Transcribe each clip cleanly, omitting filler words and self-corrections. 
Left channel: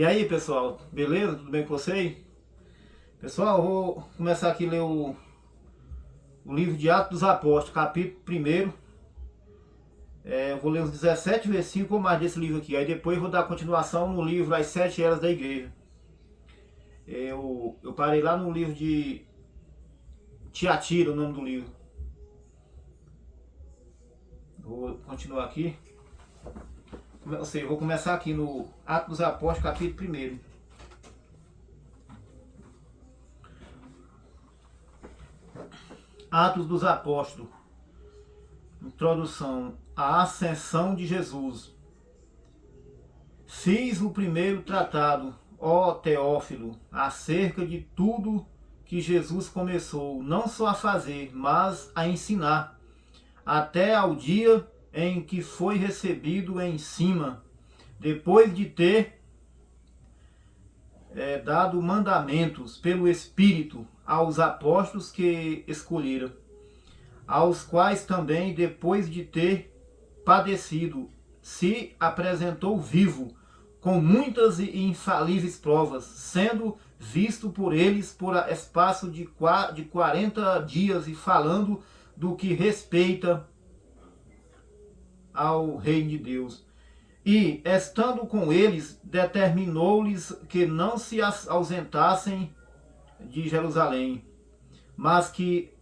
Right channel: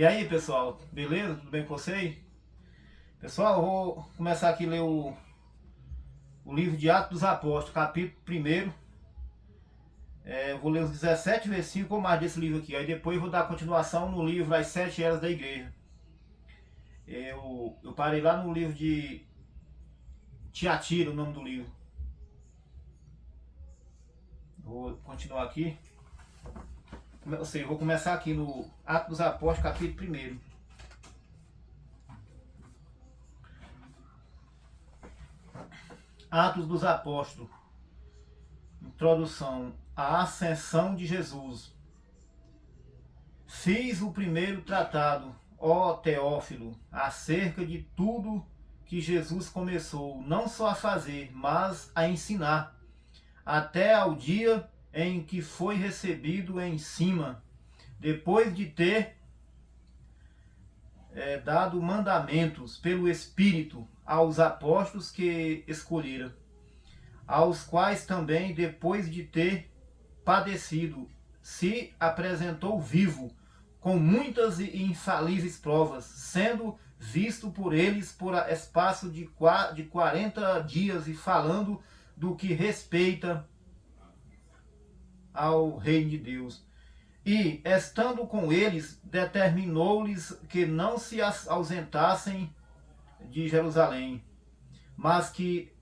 E aí, pessoal, beleza? Tudo bem com vocês? Pessoal, eu vou começar aqui a ler o livro de Atos dos Apóstolos, capítulo 1. Eu vou ler os 17 versículos ou mais desse livro aqui. Aí depois eu vou dar continuação no livro As 7 Eras da Igreja. Eu parei lá no livro de Tiatira, o nome do livro. Vou continuar aqui. Eu vou começar aqui no Atos dos Apóstolos, capítulo 1. Atos dos Apóstolos. Introdução. A ascensão de Jesus. Fiz o primeiro tratado, ó Teófilo, acerca de tudo que Jesus começou, não só a fazer, mas a ensinar, até ao dia em que foi recebido em cima, depois de ter dado mandamentos pelo Espírito aos apóstolos que escolheram, aos quais também, depois de ter padecido, se apresentou vivo, com muitas e infalíveis provas, sendo visto por eles por espaço de 40 dias e falando do que respeita ao reino de Deus. E, estando com eles, determinou-lhes que não se ausentassem de Jerusalém, mas que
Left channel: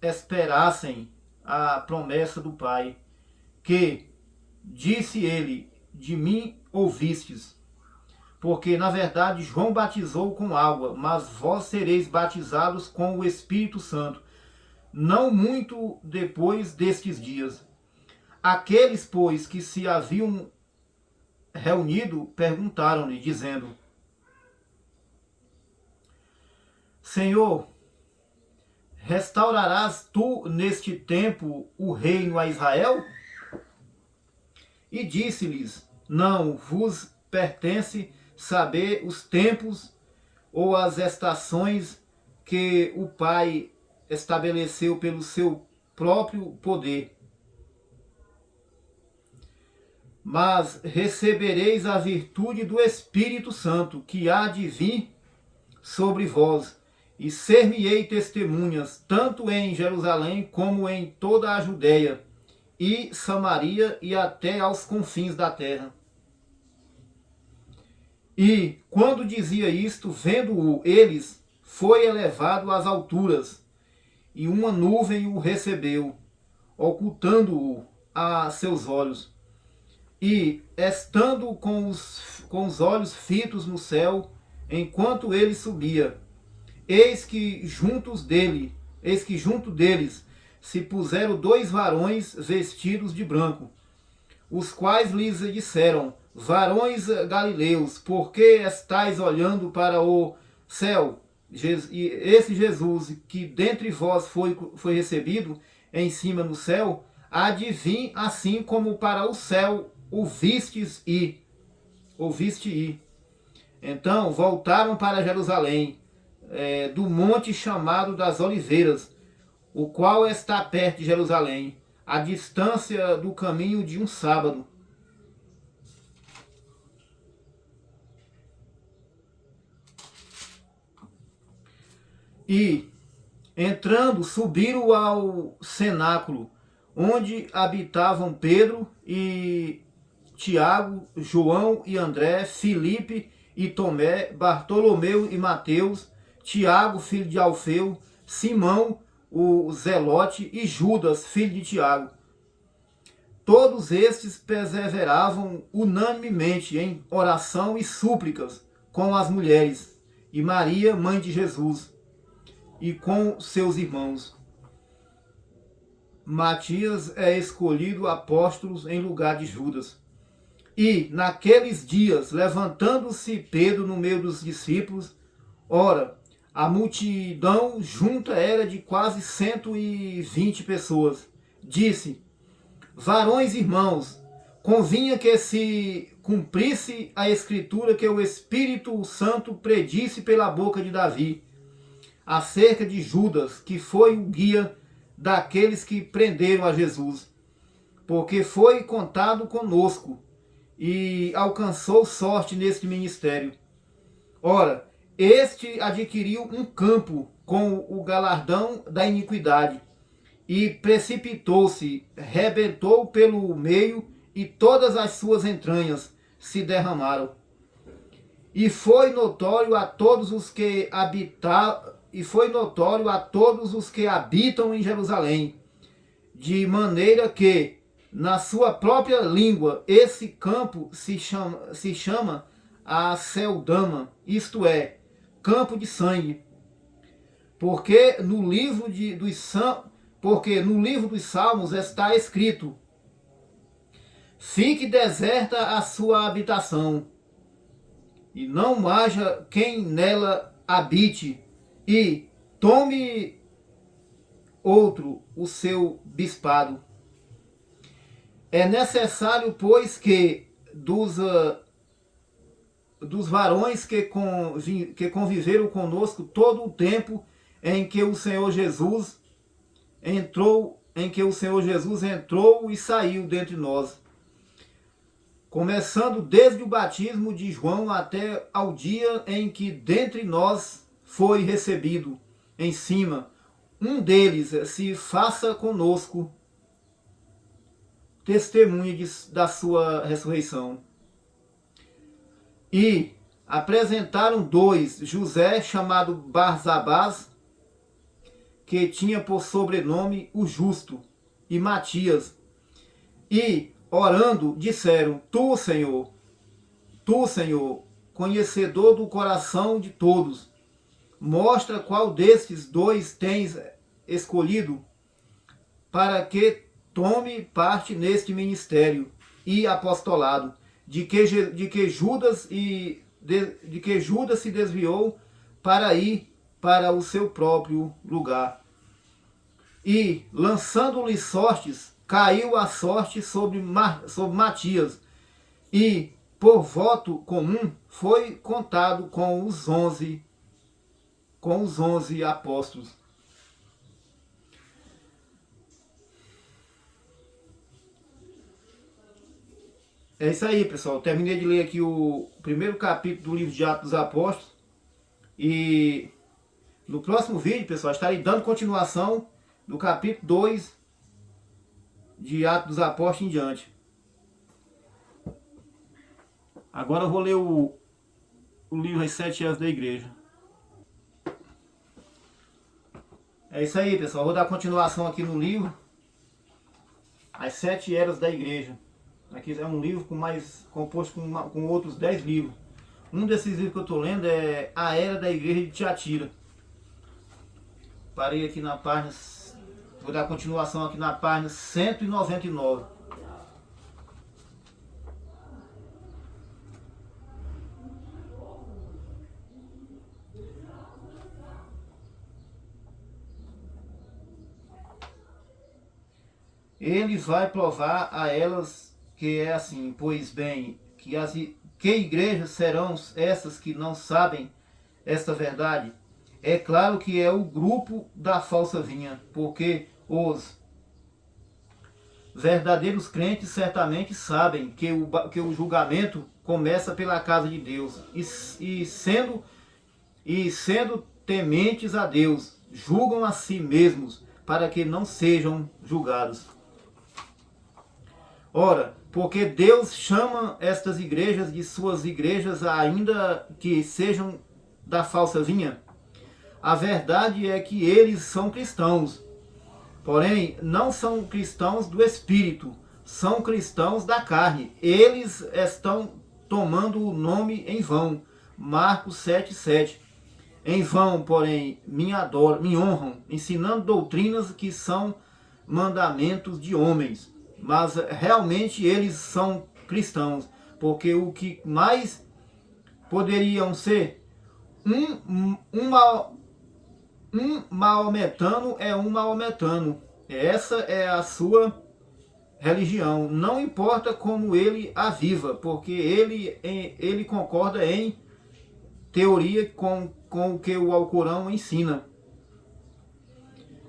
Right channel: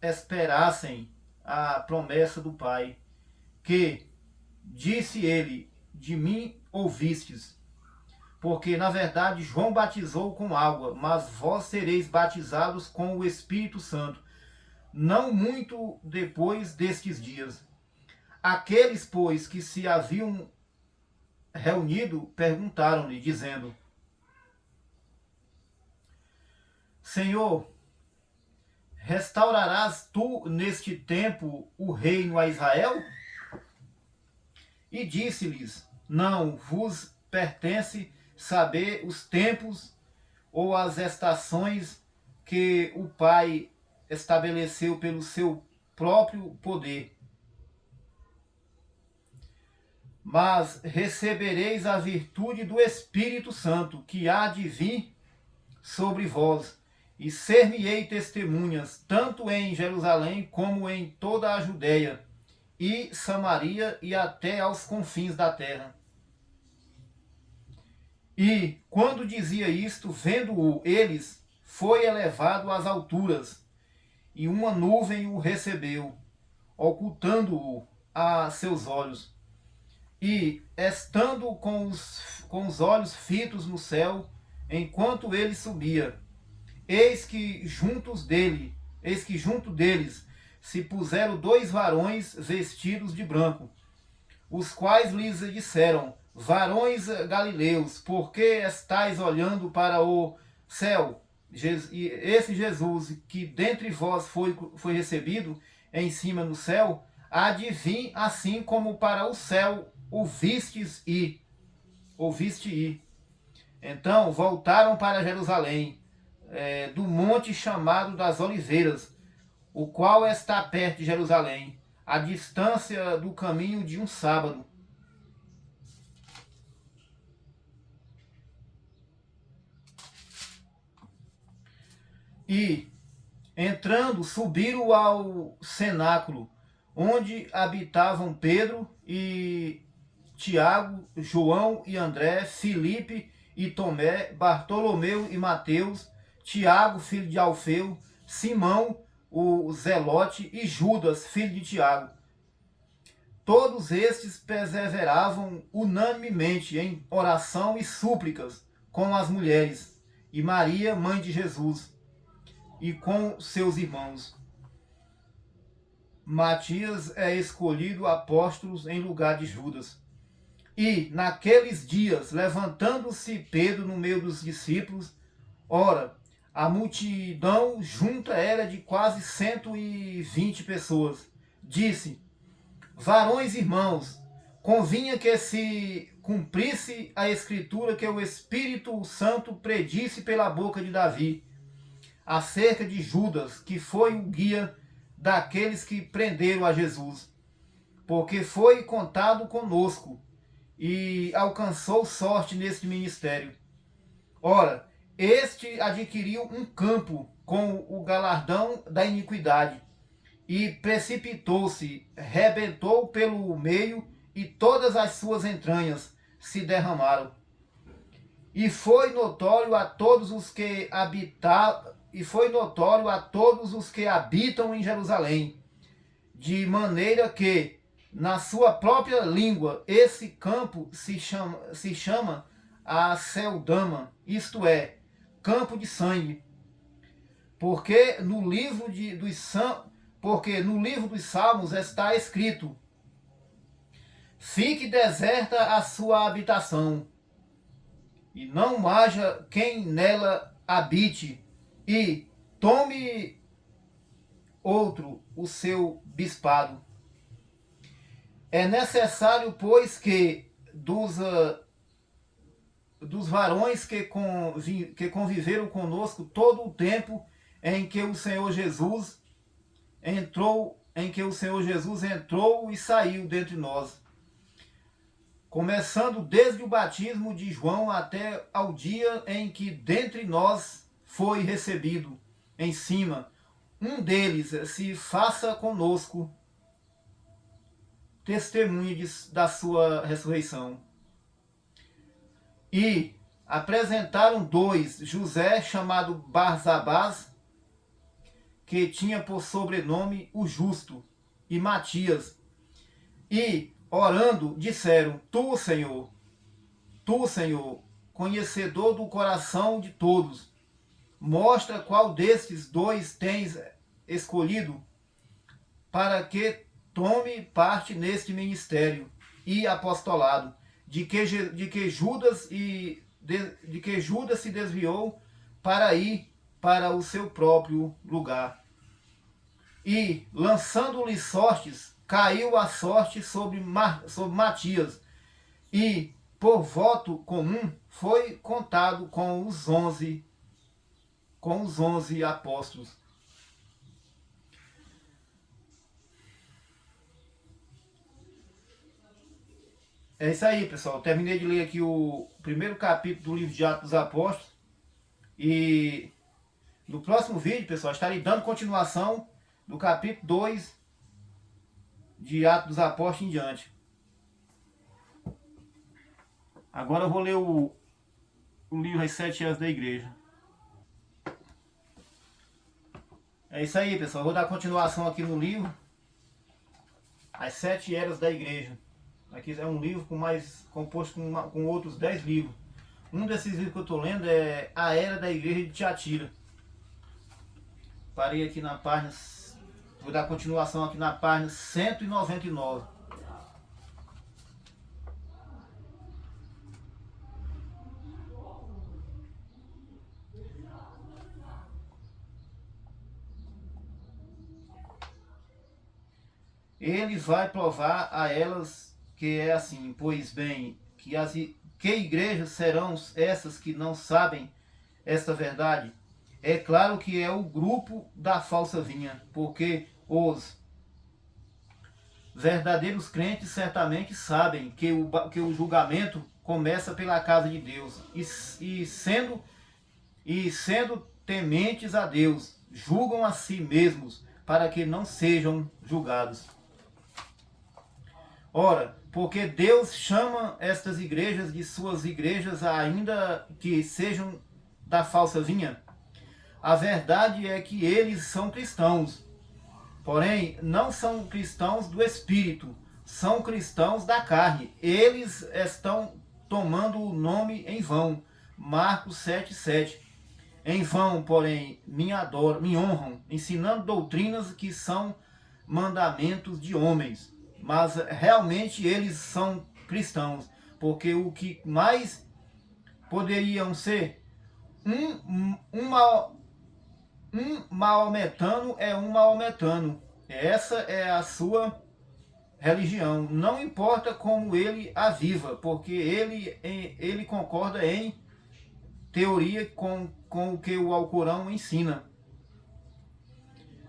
esperassem a promessa do Pai, que, disse ele, de mim ouvistes, porque na verdade João batizou com água, mas vós sereis batizados com o Espírito Santo, não muito depois destes dias. Aqueles, pois, que se haviam reunido, perguntaram-lhe, dizendo: Senhor, restaurarás tu neste tempo o reino a Israel? E disse-lhes: Não vos pertence saber os tempos ou as estações que o Pai estabeleceu pelo seu próprio poder. Mas recebereis a virtude do Espírito Santo, que há de vir sobre vós, e ser-me-ei testemunhas, tanto em Jerusalém como em toda a Judéia e Samaria e até aos confins da terra. E, quando dizia isto, vendo-o eles, foi elevado às alturas, e uma nuvem o recebeu, ocultando-o a seus olhos. E, estando com os olhos fitos no céu, enquanto ele subia, eis que junto deles se puseram 2 varões vestidos de branco, os quais lhes disseram: Varões galileus, por que estáis olhando para o céu? E esse Jesus que dentre vós foi recebido em cima no céu, há de vir assim como para o céu ouviste ir. Então voltaram para Jerusalém, do monte chamado das Oliveiras, o qual está perto de Jerusalém, a distância do caminho de um sábado. E, entrando, subiram ao cenáculo, onde habitavam Pedro e Tiago, João e André, Filipe e Tomé, Bartolomeu e Mateus, Tiago, filho de Alfeu, Simão, o Zelote, e Judas, filho de Tiago. Todos estes perseveravam unanimemente em oração e súplicas com as mulheres, e Maria, mãe de Jesus, e com seus irmãos. Matias é escolhido apóstolo em lugar de Judas. E, naqueles dias, levantando-se Pedro no meio dos discípulos, ora, a multidão junta era de quase 120 pessoas. Disse: Varões irmãos, convinha que se cumprisse a escritura que o Espírito Santo predisse pela boca de Davi, acerca de Judas, que foi o guia daqueles que prenderam a Jesus, porque foi contado conosco, e alcançou sorte neste ministério. Ora, este adquiriu um campo com o galardão da iniquidade, e precipitou-se, rebentou pelo meio, e todas as suas entranhas se derramaram. E foi notório a todos os que habitam em Jerusalém, de maneira que, na sua própria língua, esse campo se chama Aceldama, isto é, campo de sangue. Porque no livro dos Salmos está escrito: fique deserta a sua habitação, e não haja quem nela habite, e tome outro o seu bispado. É necessário, pois, que dos varões que conviveram conosco todo o tempo em que o Senhor Jesus entrou e saiu dentre nós, começando desde o batismo de João até ao dia em que dentre nós foi recebido em cima, um deles se faça conosco testemunha da sua ressurreição. E apresentaram dois, José, chamado Barsabás, que tinha por sobrenome o Justo, e Matias. E, orando, disseram: Tu, Senhor, conhecedor do coração de todos, mostra qual destes dois tens escolhido, para que tome parte neste ministério e apostolado, de que Judas se desviou para ir para o seu próprio lugar. E, lançando-lhe sortes, caiu a sorte sobre Matias, e, por voto comum, foi contado com os 11 apóstolos. É isso aí, pessoal. Terminei de ler aqui o primeiro capítulo do livro de Atos dos Apóstolos. E no próximo vídeo, pessoal, estarei dando continuação do capítulo 2 de Atos dos Apóstolos em diante. Agora eu vou ler o livro As 7 Eras da Igreja. É isso aí, pessoal. Eu vou dar continuação aqui no livro As 7 Eras da Igreja. Aqui é um livro composto com outros 10 livros. Um desses livros que eu estou lendo é A Era da Igreja de Tiatira. Parei aqui na página, vou dar continuação aqui na página 199. Ele vai provar a elas que é assim: pois bem, que igrejas serão essas que não sabem esta verdade? É claro que é o grupo da falsa vinha, porque os verdadeiros crentes certamente sabem que o julgamento começa pela casa de Deus, e sendo tementes a Deus, julgam a si mesmos para que não sejam julgados. Ora, porque Deus chama estas igrejas de suas igrejas, ainda que sejam da falsa vinha? A verdade é que eles são cristãos, porém não são cristãos do Espírito, são cristãos da carne. Eles estão tomando o nome em vão. Marcos 7,7. Em vão, porém, me honram, ensinando doutrinas que são mandamentos de homens. Mas realmente eles são cristãos, porque o que mais poderiam ser um maometano é um maometano. Essa é a sua religião. Não importa como ele a viva, porque ele concorda em teoria com o que o Alcorão ensina.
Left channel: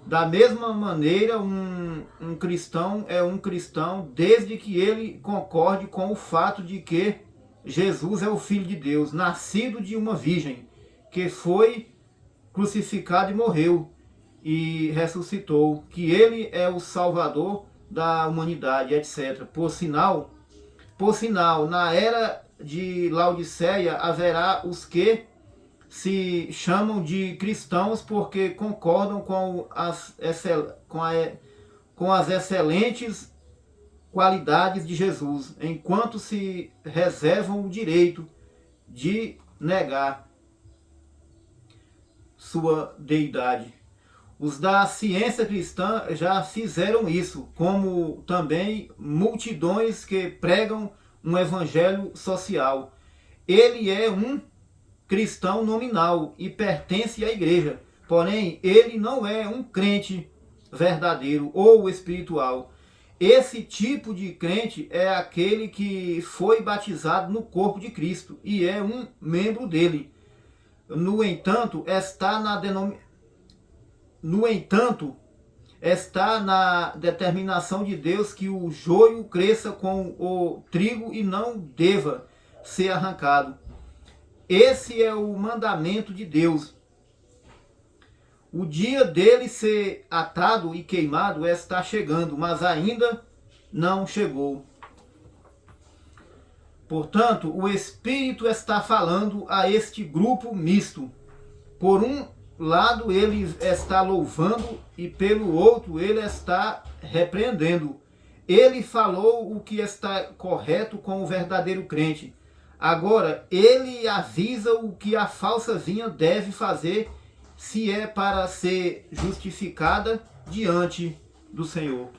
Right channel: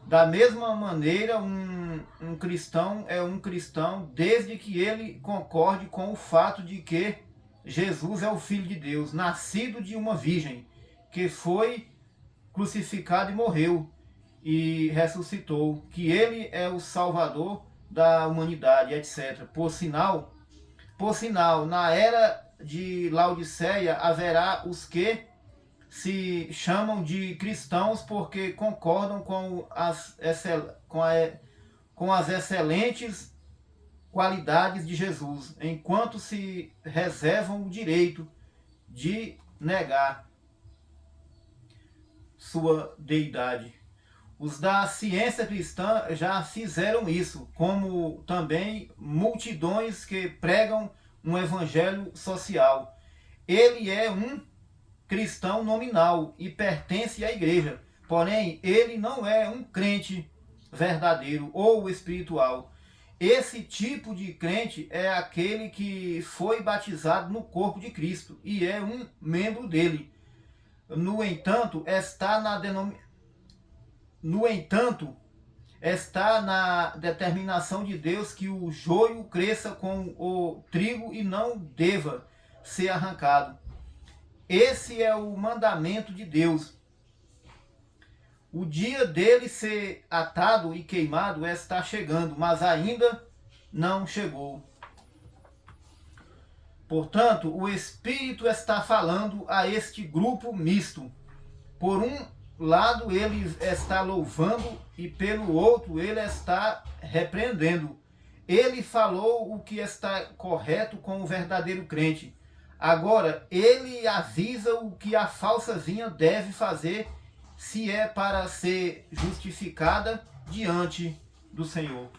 Da mesma maneira, um cristão é um cristão desde que ele concorde com o fato de que Jesus é o Filho de Deus, nascido de uma virgem, que foi crucificado e morreu e ressuscitou, que ele é o Salvador da humanidade, etc. Por sinal, na era de Laodiceia haverá os que se chamam de cristãos porque concordam com as excelentes qualidades de Jesus, enquanto se reservam o direito de negar sua deidade. Os da ciência cristã já fizeram isso, como também multidões que pregam um evangelho social. Ele é um cristão nominal e pertence à igreja, porém ele não é um crente verdadeiro ou espiritual. Esse tipo de crente é aquele que foi batizado no corpo de Cristo e é um membro dele. No entanto, está na determinação de Deus que o joio cresça com o trigo e não deva ser arrancado. Esse é o mandamento de Deus. O dia dele ser atado e queimado está chegando, mas ainda não chegou. Portanto, o Espírito está falando a este grupo misto. Por um lado, ele está louvando e pelo outro, ele está repreendendo. Ele falou o que está correto com o verdadeiro crente. Agora, ele avisa o que a falsa vinha deve fazer se é para ser justificada diante do Senhor.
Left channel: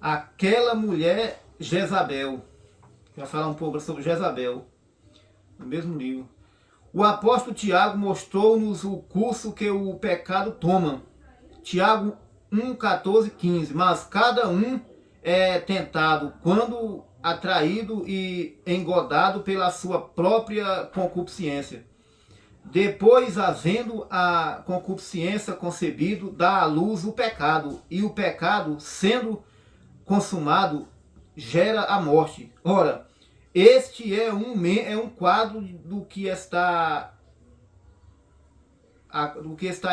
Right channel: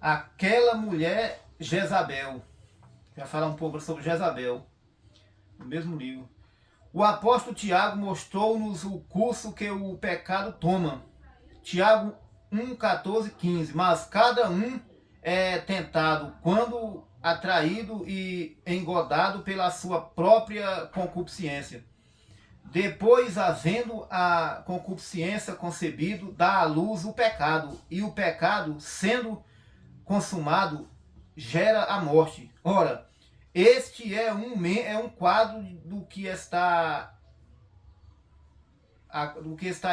Aquela mulher Jezabel. Já falar um pouco sobre Jezabel, no mesmo livro. O apóstolo Tiago mostrou-nos o curso que o pecado toma. Tiago 1, 14, 15. Mas cada um é tentado quando atraído e engodado pela sua própria concupiscência. Depois, havendo a concupiscência concebido, dá à luz o pecado. E o pecado, sendo consumado, gera a morte. Ora, este é um quadro do que está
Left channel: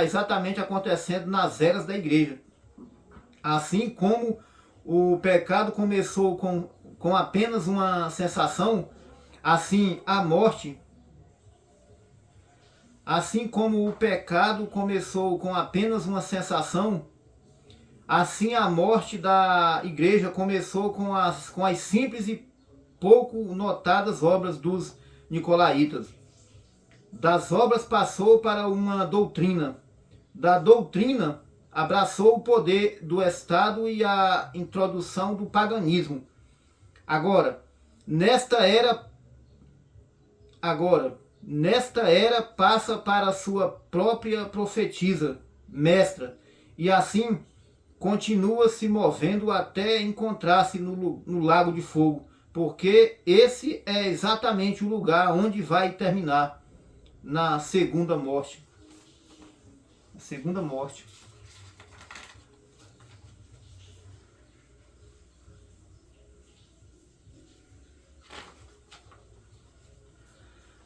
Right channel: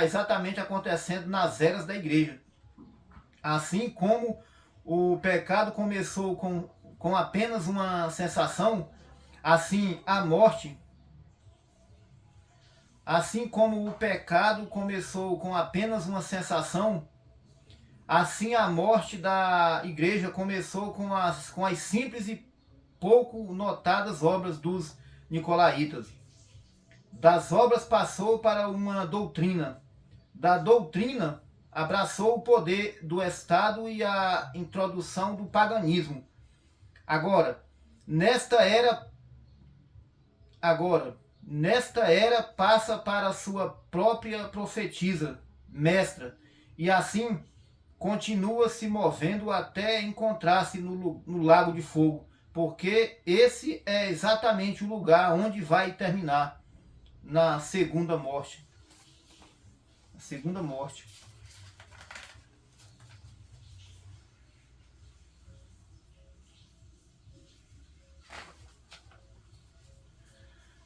exatamente acontecendo nas eras da igreja. Assim como o pecado começou com apenas uma sensação, assim a morte, assim como o pecado começou com apenas uma sensação, assim a morte da igreja começou com as simples e pouco notadas obras dos nicolaítas. Das obras passou para uma doutrina. Da doutrina abraçou o poder do Estado e a introdução do paganismo. Agora, nesta era passa para a sua própria profetisa, mestra, e assim continua se movendo até encontrar-se no lago de fogo, porque esse é exatamente o lugar onde vai terminar, na segunda morte. A segunda morte.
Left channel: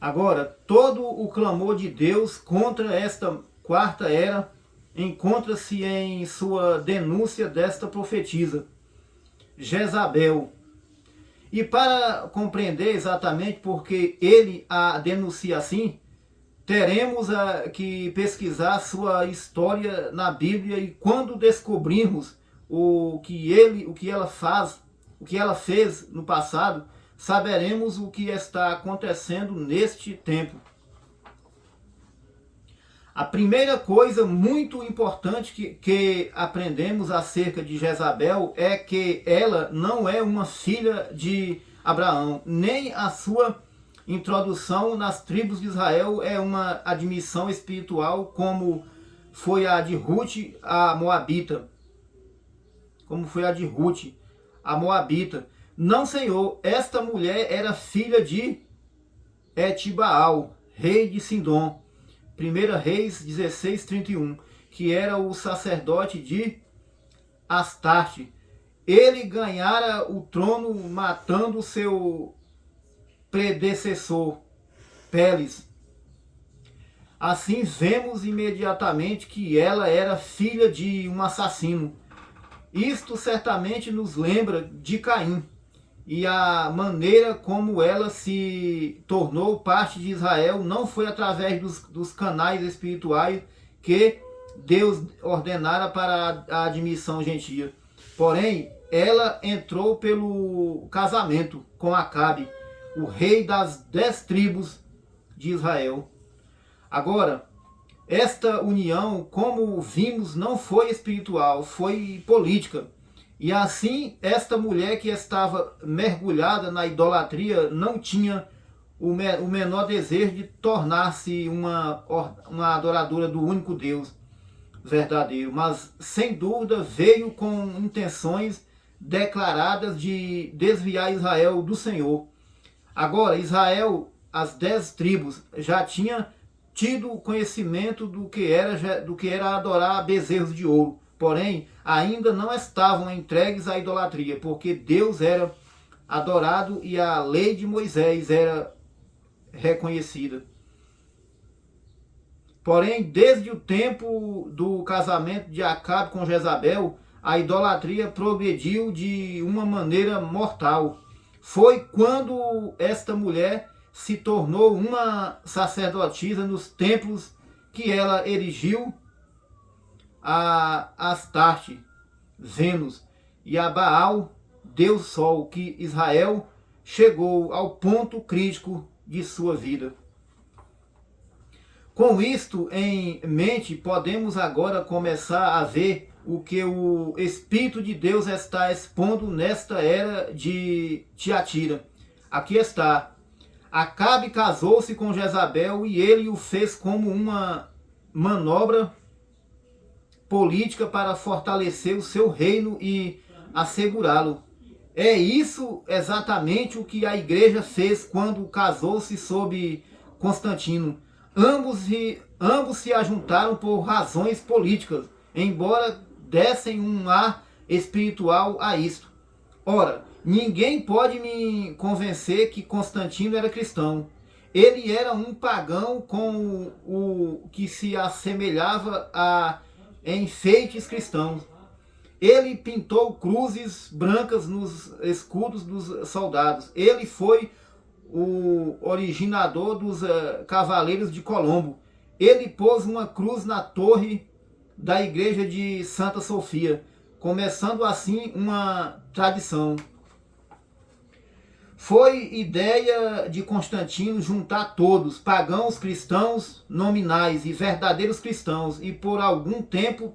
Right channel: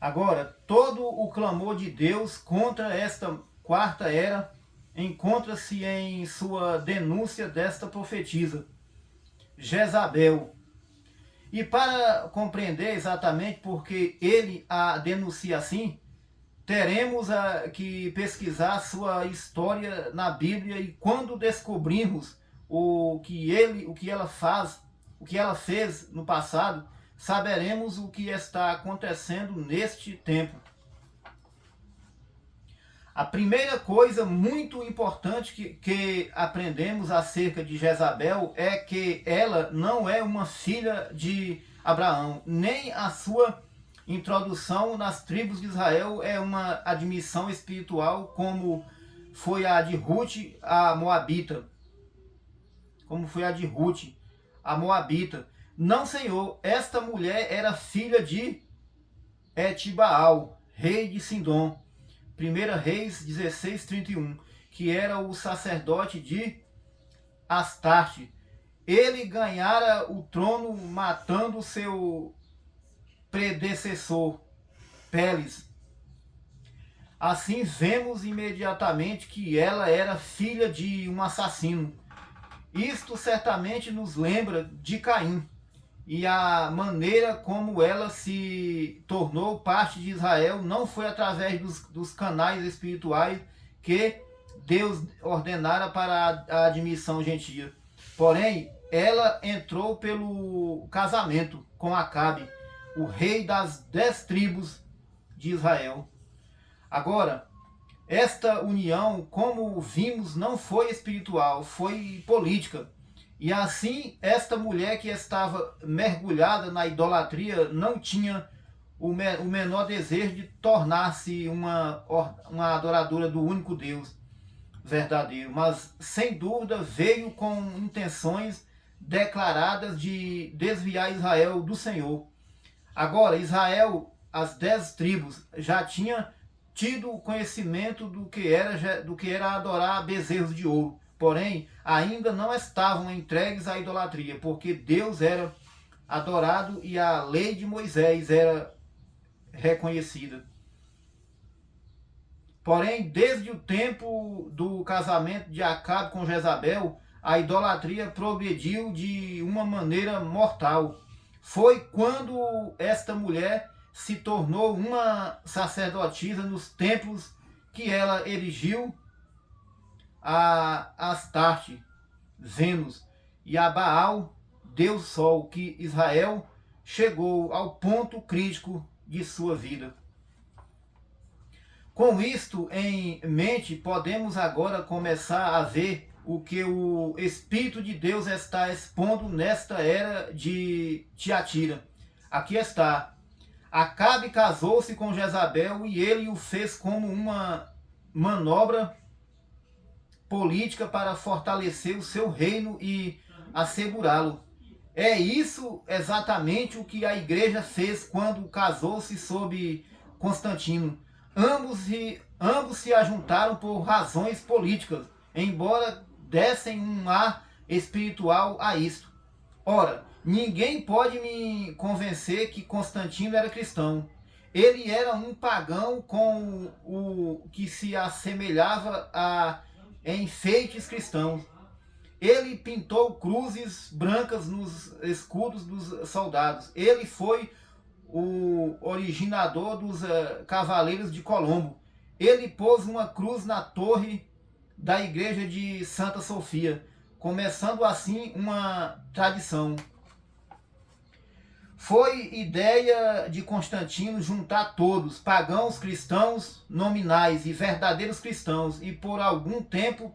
Agora, todo o clamor de Deus contra esta quarta era encontra-se em sua denúncia desta profetisa, Jezabel. E para compreender exatamente porque ele a denuncia assim, teremos que pesquisar sua história na Bíblia, e quando descobrirmos o que ela fez no passado, saberemos o que está acontecendo neste tempo. A primeira coisa muito importante que aprendemos acerca de Jezabel é que ela não é uma filha de Abraão, nem a sua introdução nas tribos de Israel é uma admissão espiritual, como foi a de Ruth, a Moabita. Não, Senhor, esta mulher era filha de Etibaal, rei de Sidom. 1 Reis 16:31, que era o sacerdote de Astarte. Ele ganhara o trono matando seu predecessor, Peles. Assim vemos imediatamente que ela era filha de um assassino. Isto certamente nos lembra de Caim e a maneira como ela se tornou parte de Israel não foi através dos canais espirituais que Deus ordenara para a admissão gentia. Porém, ela entrou pelo casamento com Acabe, o rei das 10 tribos de Israel. Agora, esta união, como vimos, não foi espiritual, foi política. E assim, esta mulher que estava mergulhada na idolatria não tinha o menor desejo de tornar-se uma adoradora do único Deus verdadeiro, mas sem dúvida veio com intenções declaradas de desviar Israel do Senhor. Agora, Israel, as 10 tribos, já tinha tido conhecimento do que era adorar bezerros de ouro. Porém, ainda não estavam entregues à idolatria, porque Deus era adorado e a lei de Moisés era reconhecida. Porém, desde o tempo do casamento de Acabe com Jezabel, a idolatria progrediu de uma maneira mortal. Foi quando esta mulher se tornou uma sacerdotisa nos templos que ela erigiu a Astarte, Vênus, e a Baal, Deus Sol, que Israel chegou ao ponto crítico de sua vida. Com isto em mente, podemos agora começar a ver o que o Espírito de Deus está expondo nesta era de Tiatira. Aqui está. Acabe casou-se com Jezabel e ele o fez como uma manobra política para fortalecer o seu reino e assegurá-lo. É isso exatamente o que a igreja fez quando casou-se sob Constantino. Ambos se ajuntaram por razões políticas, embora dessem um ar espiritual a isto. Ora, ninguém pode me convencer que Constantino era cristão. Ele era um pagão com o que se assemelhava a enfeites cristãos. Ele pintou cruzes brancas nos escudos dos soldados. Ele foi o originador dos Cavaleiros de Colombo. Ele pôs uma cruz na torre da igreja de Santa Sofia, começando assim uma tradição. Foi ideia de Constantino juntar todos, pagãos, cristãos nominais e verdadeiros cristãos, e por algum tempo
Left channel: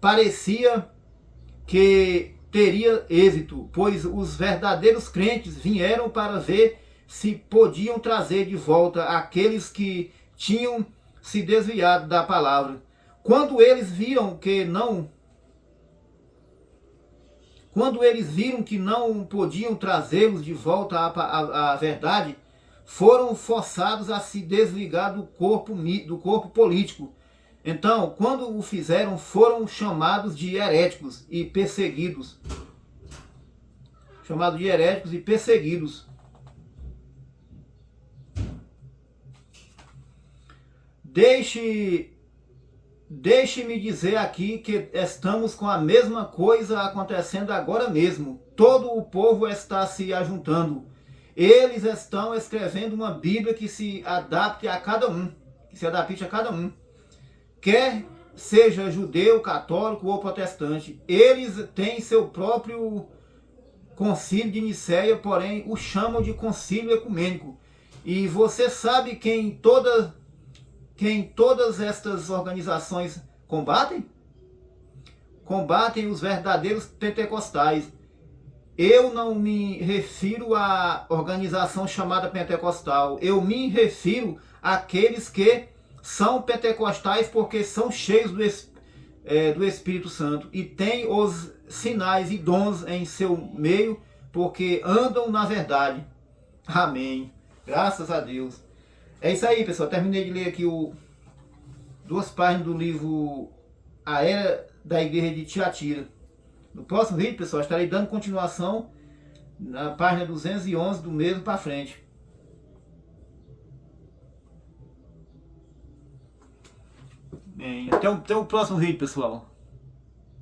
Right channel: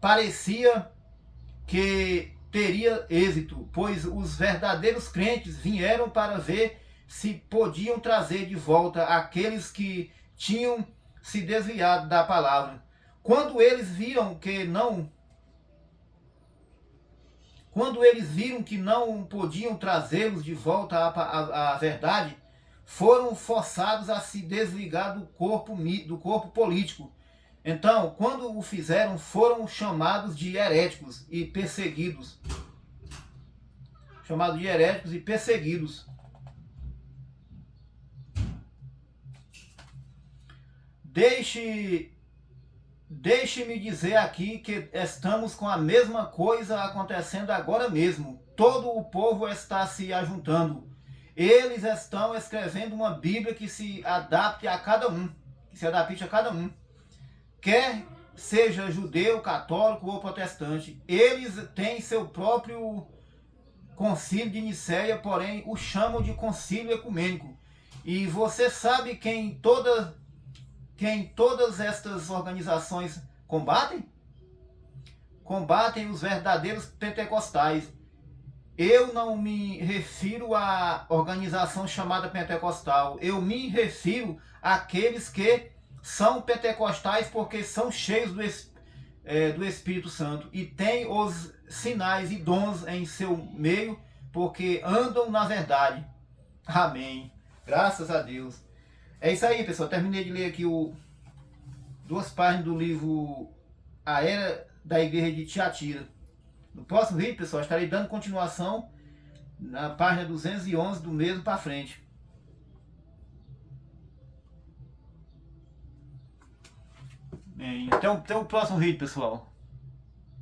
parecia que teria êxito, pois os verdadeiros crentes vieram para ver se podiam trazer de volta aqueles que tinham se desviado da palavra. Quando eles viram que não podiam trazê-los de volta à verdade, foram forçados a se desligar do corpo político. Então, quando o fizeram, foram chamados de heréticos e perseguidos. Deixe-me dizer aqui que estamos com a mesma coisa acontecendo agora mesmo. Todo o povo está se ajuntando. Eles estão escrevendo uma Bíblia que se adapte a cada um. Quer seja judeu, católico ou protestante. Eles têm seu próprio concílio de Nicéia, porém o chamam de concílio ecumênico. E você sabe quem todas estas organizações combatem? Combatem os verdadeiros pentecostais. Eu não me refiro à organização chamada pentecostal. Eu me refiro àqueles que são pentecostais porque são cheios do Espírito Santo e têm os sinais e dons em seu meio porque andam na verdade. Amém. Graças a Deus. É isso aí, pessoal. Terminei de ler aqui o duas páginas do livro A Era da Igreja de Tiatira. No próximo vídeo, pessoal, estarei dando continuação na página 211 do mesmo para frente. Bem, até o próximo vídeo, pessoal.